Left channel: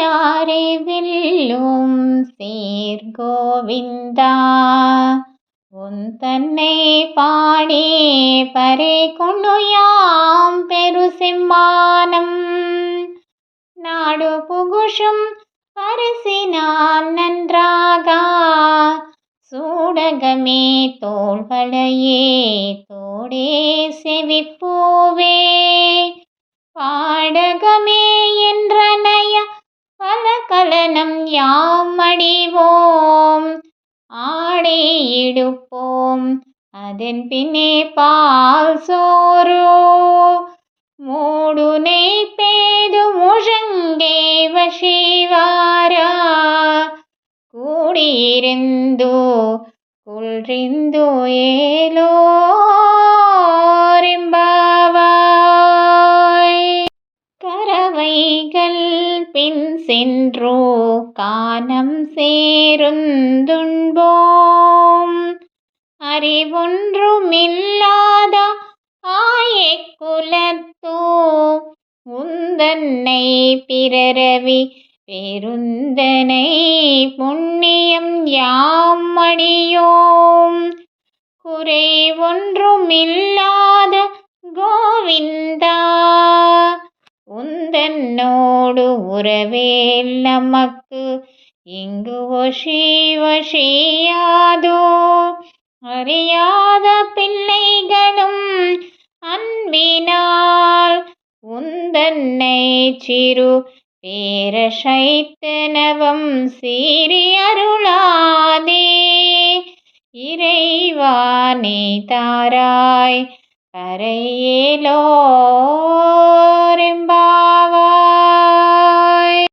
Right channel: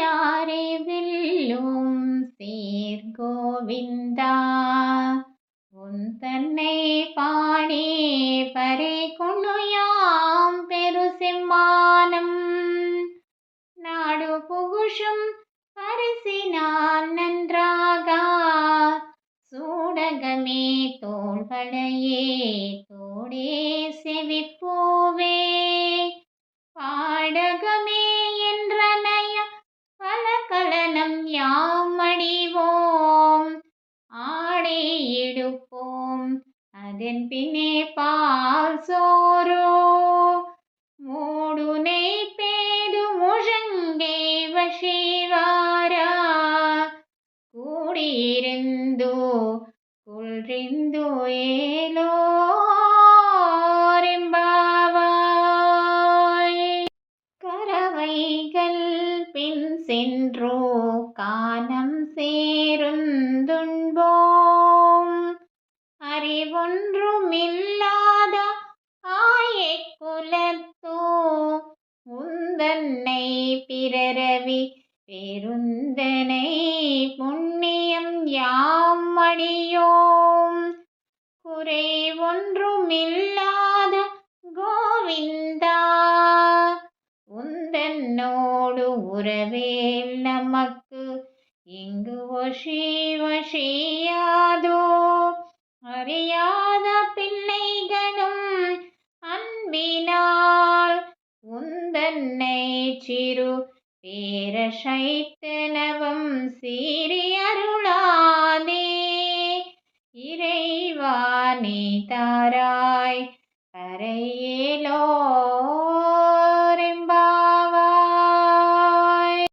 கோனாரே வில்லும் சீர்கோவிந்தா உன் தன்னை பாடி பறை கொண்ணுயாம் பெரு சிம்மானம் நாடு புகுஷும் பரிசினால் நன்றாக சூடகமே தோள்களையே தோடே செவிப்பூவே பாடகமே என்றனைய பல கலனம் யாம் அடிவோம் ஆடை இடுப்போம் அதன் பின்னே பால் சோரோ மூடுனை பேது முழங்கே வசிவாரா கூடியிருந்தோ குள்றிந்தோ ஏலோரெம்பாவாய் கரவைகள் பின் சென்றோ கானம் சேருந்துண்போம் அறிவொன்றுமில்லாத ஆயக்குலத்தோ உந்தன்னை பிறரவி பெருந்தனை புண்ணியம் யாம் அடியோம் குறை ஒன்றுமில்லாத கோவிந்தா உந்தன்னோடு உறவேல் நமக்கு இங்கு வசியாதோ அறியாத பிள்ளைகளும் அன்பினால் உந்தன்னை சிறு பேரசைத்தனவம் சீறி அருளாதே இறைவா நீ தாராய் பறையேலோரெம்பாவாய்.